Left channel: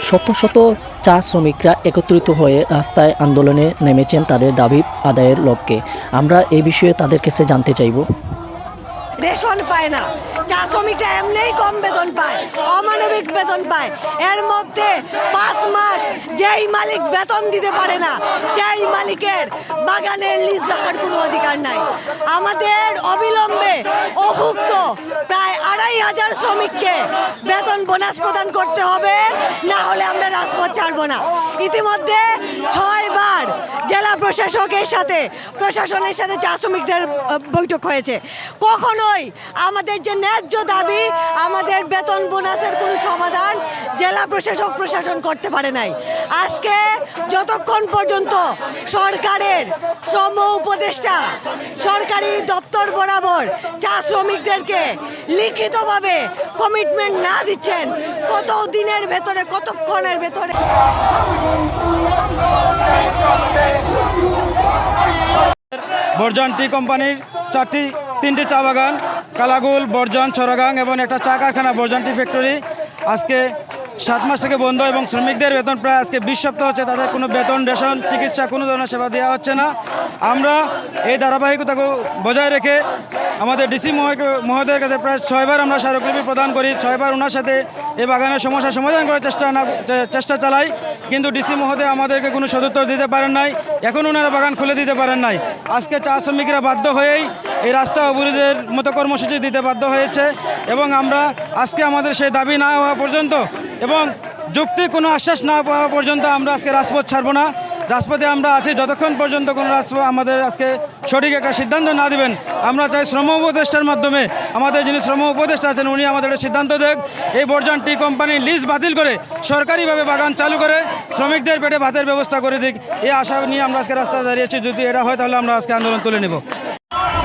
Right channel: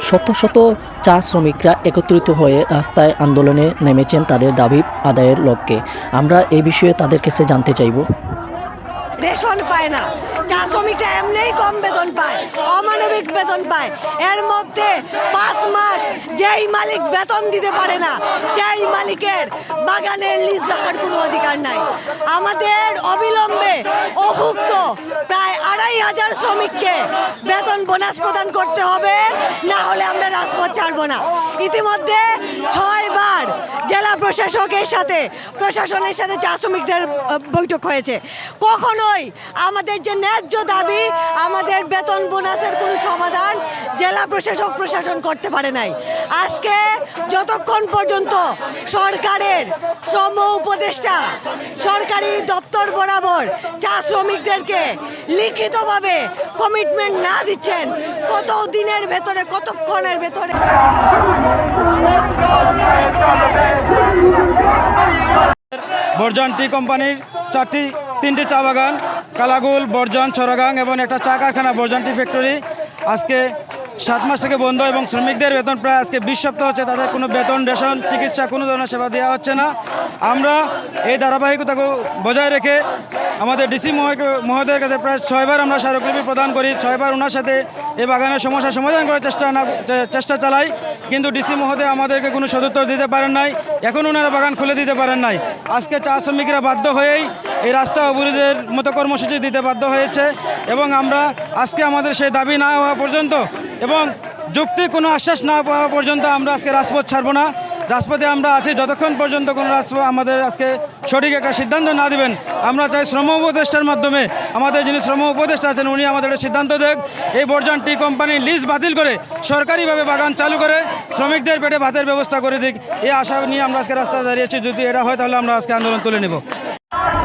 শত শত চা শ্রমিকরা একত্রিত হয়ে রাস্তায় আন্দোলনে নেমেছেন তাদের দাবি আদায়ের লক্ষ্যে। আমরা এই বিষয়ে তাদের কাছে জানতে চাইব। রেশন পায় না। চা শ্রমিকরা এমনিই কম বেতন পায়, অমানবিক বেতন পায়। এর মধ্যে পাঁচ মাস যেই মালিক বেতন দিতে পারে না, সেই মালিকের বাগানের লিজ রাখার কোনো অধিকার নাই। আমাদের অবিলম্বে অভুক্ত প্রায় আড়াই হাজার শ্রমিককে বেতন বোনাস প্রদান করতে হবে, না হলে আমরা রাজপথ ছাড়বো না। ইতিমধ্যে ছয়বার জেলা প্রশাসকের সাথে, প্রশাসনের সাথে চা শ্রমিকদের বৈঠক হয়েছে। কখনোই আমাদের যে ন্যায্য দাবি, আমাদের বেতন বোনাসের কোনো সমাধান জেলা প্রশাসক প্রশাসন করতে পারে নাই। আজকে যতক্ষণ পর্যন্ত সরকারের শ্রম উপদেষ্টা, সরকারি দপ্তর বরাবর চা শ্রমিকদেরকে লিখিতভাবে কমিটমেন্ট না দিচ্ছেন, কত দিনের ভেতরে, কতক্ষণের ভেতরে? বর্জন টি কোম্পানির চারটি তিনটি চা বাগান, কালাগুল, বর্জন ছড়াগাং এবং একটা চা কারখানা বর্জন টি ফ্যাক্টরি। আজকে সাত মাস থেকে বন্ধ এবং শ্রমিকদের বেতন প্রায় আজকে বিশ সপ্তাহ হচ্ছে, তাদের কোনো বেতন, রেশন, চিকিৎসা, কোনো ধরনের সেবা দেওয়া হচ্ছে না। আমরা এই ধারাবাহিকতাকে বজায় রেখে আমাদের ডিসি মহোদয়ের কাছে প্রায় ছয়বার আমরা স্মারকলিপি প্রদান করি, ছয়বার ওনার সাথে এই বাগানের সমস্যা সমাধান করার চেষ্টা না চেষ্টা চালাই, কিন্তু ডিসি মহোদয় আমাদেরকে কোনো সদুত্তর দিতে পারেন নাই, এখন ওনারা বাগান খুলে দিতে পারেন নাই। আজকে চা শ্রমিকরা বাধ্য হয়েই এই রাস্তা অবরোধের মতো কর্মসূচি দিতে বাধ্য হয়েছে এবং আমরা আজকে আমাদের সেই দাবি না হওয়া পর্যন্ত এবং যুক্তি কোনো আশ্বাস না পাওয়া পর্যন্ত আমরা আজকে রাজপথ ছাড়বো না। রাজপথে আমরা আছি, যতক্ষণ পর্যন্ত কোনো রাজপথ আমাদের আজকে সঠিক একটা সিদ্ধান্ত না দিবেন, আমরা চাই শ্রম উপদেষ্টার মাধ্যমে আমাদের যিনি শ্রম উপদেষ্টা আছেন, উনি আমাদের সিদ্ধান্ত দেখ এই বর্জন টি কোম্পানি লিজ বাতিল করে সরকারিভাবে বাগান চালু করে শ্রমিকদের পেটে ভাতের ব্যবস্থা করে দিক এই আশা নিয়ে আমরা আজকে রাস্তায় দাঁড়িয়েছি যদি এটা হয় তাহলে আমরা আজকে আন্দোলন তুলে নেব।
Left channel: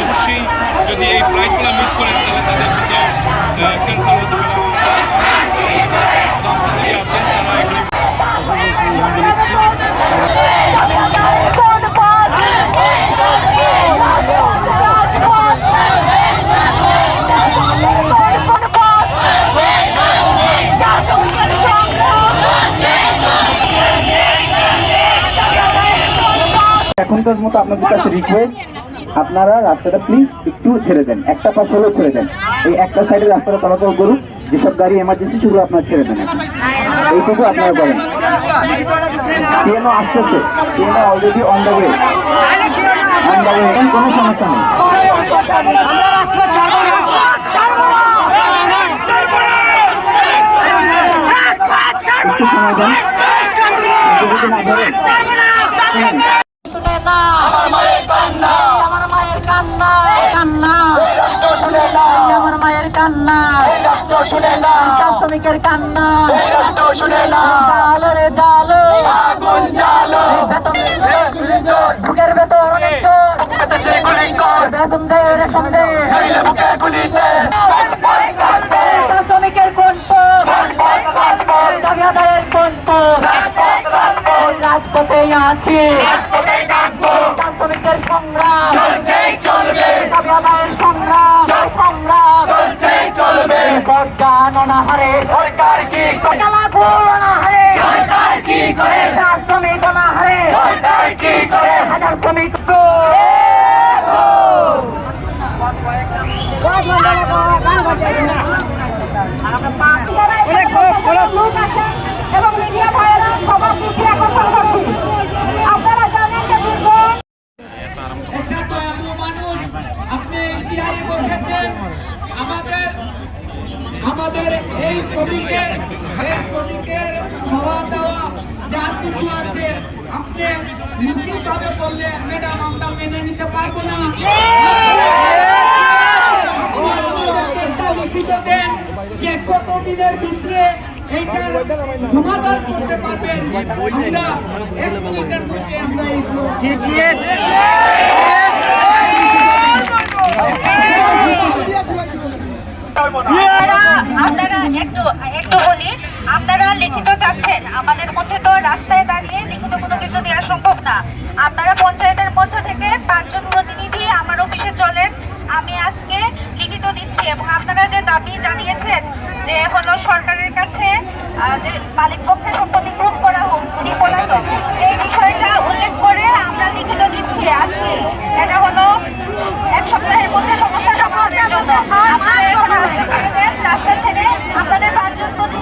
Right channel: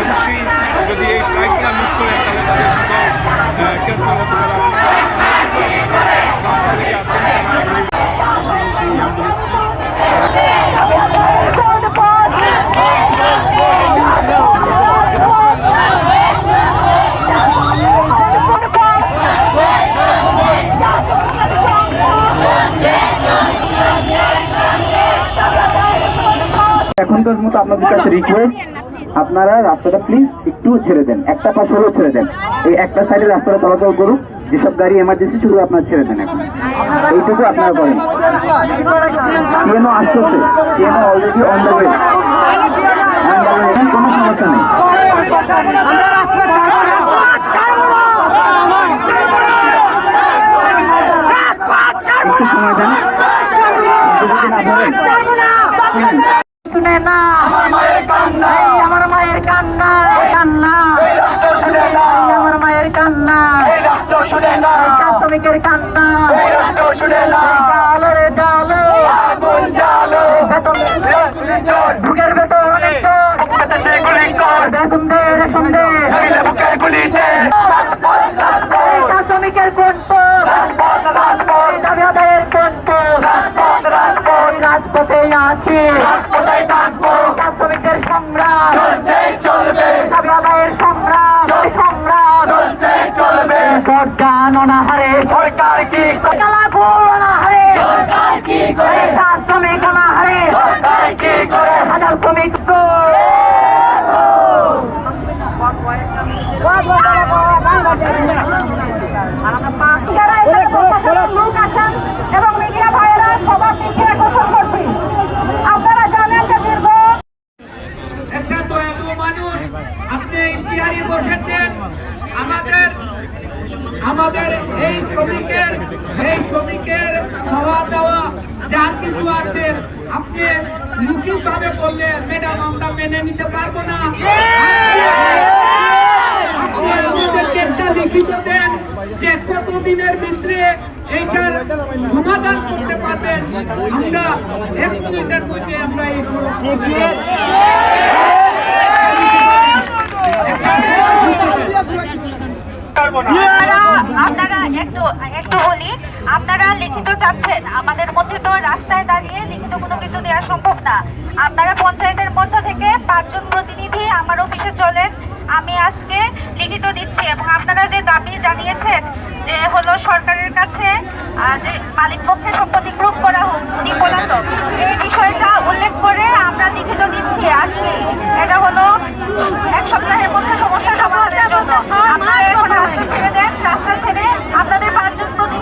অবশ্যই যদি এই ফ্লাইটগুলো মিস করেন তাহলে তাদের ভিসা ক্যান্সেল হতে পারে রাস্তা থেকে আছেন তারা এখনও এখনকার মতো আপনাদের কাছে রিকোয়েস্ট আপনারা রাস্তাটা প্লিজ একটু ছেড়ে দেন। একটা পাশ হলেও ছেড়ে দেন। এই একটা সাইডে রাস্তাটা চলাচল করুক, যেসব গাড়ি এমার্জেন্সি শুধু আপনার ছেড়ে দেন। এইটুকু আপনারা বলেন। ট্রেনও আসতেছে। ট্রেনও অলরেডি অন দ্য ওয়ে কোনো সমস্যা নেই একটু সময় দেন যদি না ধরেন, শুনে না আমার মায়ের কান্না আমার মায়ের কান্না কান্না আমার মায়ের কান্না শুনে না শ্রমিকের কান্না। শুনে না জালো। রে জালো আগুন জালো বুকের বেতন বেতন দে রেশন দে। শ্রমিকের কোন দাবি আদায়ের কোন রাজপথে আছি। শ্রমিকের সংগ্রাম। দাবি আদায়ের সংগ্রাম। সংগ্রাম দরজান অনাহারে সরকার কি লাগু অনাহারে সরকার কি করে? শ্রমিক অনাহারে সরকার কি করে? হাজার শ্রমিক এবং মিডিয়া ভাইয়েরা সবার দিকে আকর্ষণ করছি আপনারা জানেন যে দীর্ঘ একটা দয়ালু মানুষ আপনি চেয়ারে বসেছেন আমাদের আমাদের এই শ্রমিকের এই শ্রমিকের খাওয়া দাওয়া যা আপনি লিখিতভাবে বললেন ম্যাডাম আমরা মেনে নিতে পারব না। আপনি আমাদেরকে একটা লিখিত দেন যে কতদিনের ভিতরে এইটার সমাধান করতে পারবেন। আমরা এক মিনিটের মধ্যে আমরা এই আপনারা আপনারা একটু একটু বলি। আপনারা লিখিত চাচ্ছেন। আমাদের মধ্যে তো রাস্তায় দাঁড়িয়ে লিখিত কোনো কিছু দেওয়া সম্ভব না। আপনারা পঞ্চায়েতের মধ্য থেকে পাঁচজন প্রতিনিধি আমার অফিসে চলেন। আমি আজকে লিখিত দিচ্ছি এবং আপনারা যে দাবি জানিয়েছেন যে হলো সরকারের কাছে যে মালিক পক্ষের সম্পত্তি প্রুফ করা হোক, উনি পলাতক, এই বিষয়টা উল্লেখ করে আমরা লিখিত দিচ্ছি আজকে। এটা হলো এক সপ্তাহের মধ্যে সমস্যা সমাধানের জন্য। আপনারা এখন রাস্তা ছেড়ে দেন, রাস্তা ছেড়ে আপনাদের পাঁচজন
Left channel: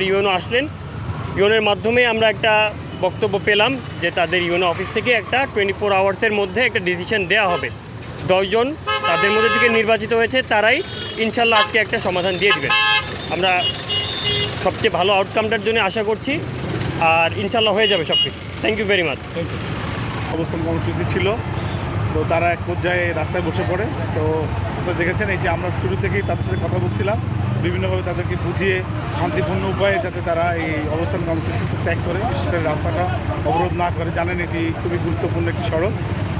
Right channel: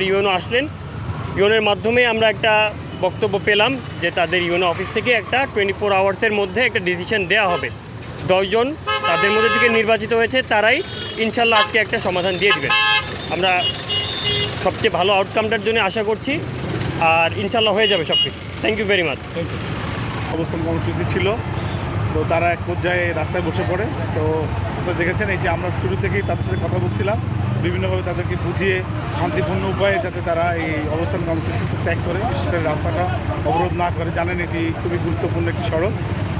এবার ইউএনও আসলেন। ইউএনের মাধ্যমে আমরা একটা বক্তব্য পেলাম যে তাদের ইউএনও অফিস থেকে একটা টোয়েন্টি ফোর আওয়ার্সের মধ্যে একটা ডিসিশন দেওয়া হবে। দশজন তাদের মধ্যে থেকে নির্বাচিত হয়েছে, তারাই ইনশাল্লাহ আজকে একটা সমাধান দিয়ে দেবেন। আমরা সবচেয়ে ভালো আউটকামটার জন্য আশা করছি, আর ইনশাল্লাহ হয়ে যাবে সব কিছু থ্যাংক ইউ ভেরি মাচ অবস্থান কর্মসূচি ছিল। তো তারা এক পর্যায়ে রাস্তায় বসে পড়ে। তো দেখেছেন, এই যে আমরা শুরু থেকেই তাদের সাথে কথা বলছিলাম। বিভিন্নভাবে তাদেরকে বুঝিয়ে শান্তিপূর্ণ উপায়ে যাতে তারা এই অবস্থান কর্মসূচি ত্যাগ করে। বিশেষ করে রাস্তাটা অবরোধ না করে জানেন, এটি খুবই গুরুত্বপূর্ণ একটি সড়ক,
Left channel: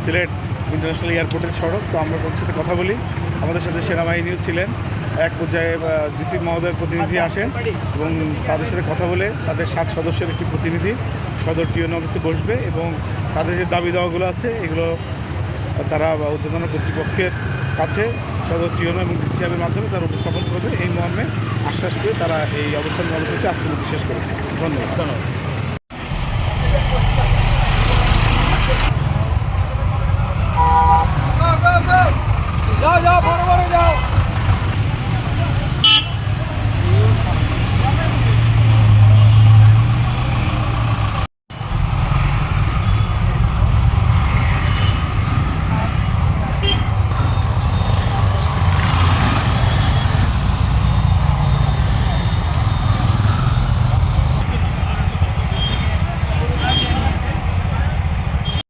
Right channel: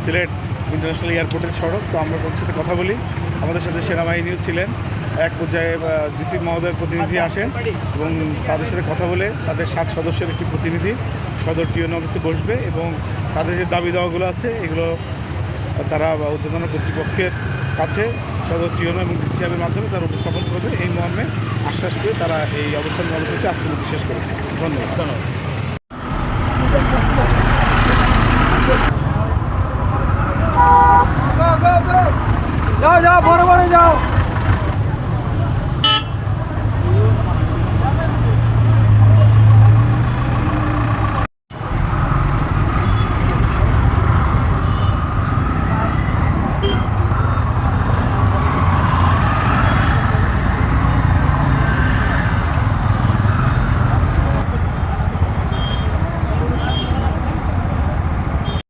সিলেট ইন্টারন্যাশনাল এয়ারপোর্টের সড়ক। তো আমরা তাদের সাথে কথা বলি। আমাদের সাথে সেনাবাহিনীও ছিলেন। এক পর্যায়ে ডিসি মহোদয়ের প্রতিনিধি আসেন এবং তাদের সাথে কথা বলে তাদের সাত সদস্যের একটি প্রতিনিধি সদর টিউন অফিসে বসবে এবং তাদের যে দাবি দাওয়াগুলো আছে, এগুলো তারা উদ্বোধন কর্তৃপক্ষের কাছে সদর টিওম এবং ডিসিএমের মাধ্যমে তারা উপস্থাপন করবে। এই মর্মে আশ্বাস পেয়ে তারা এই অবস্থান কর্মসূচি আজকে মধ্যে শেষ করেছে। ধন্যবাদ। ধন্যবাদ। যা যা!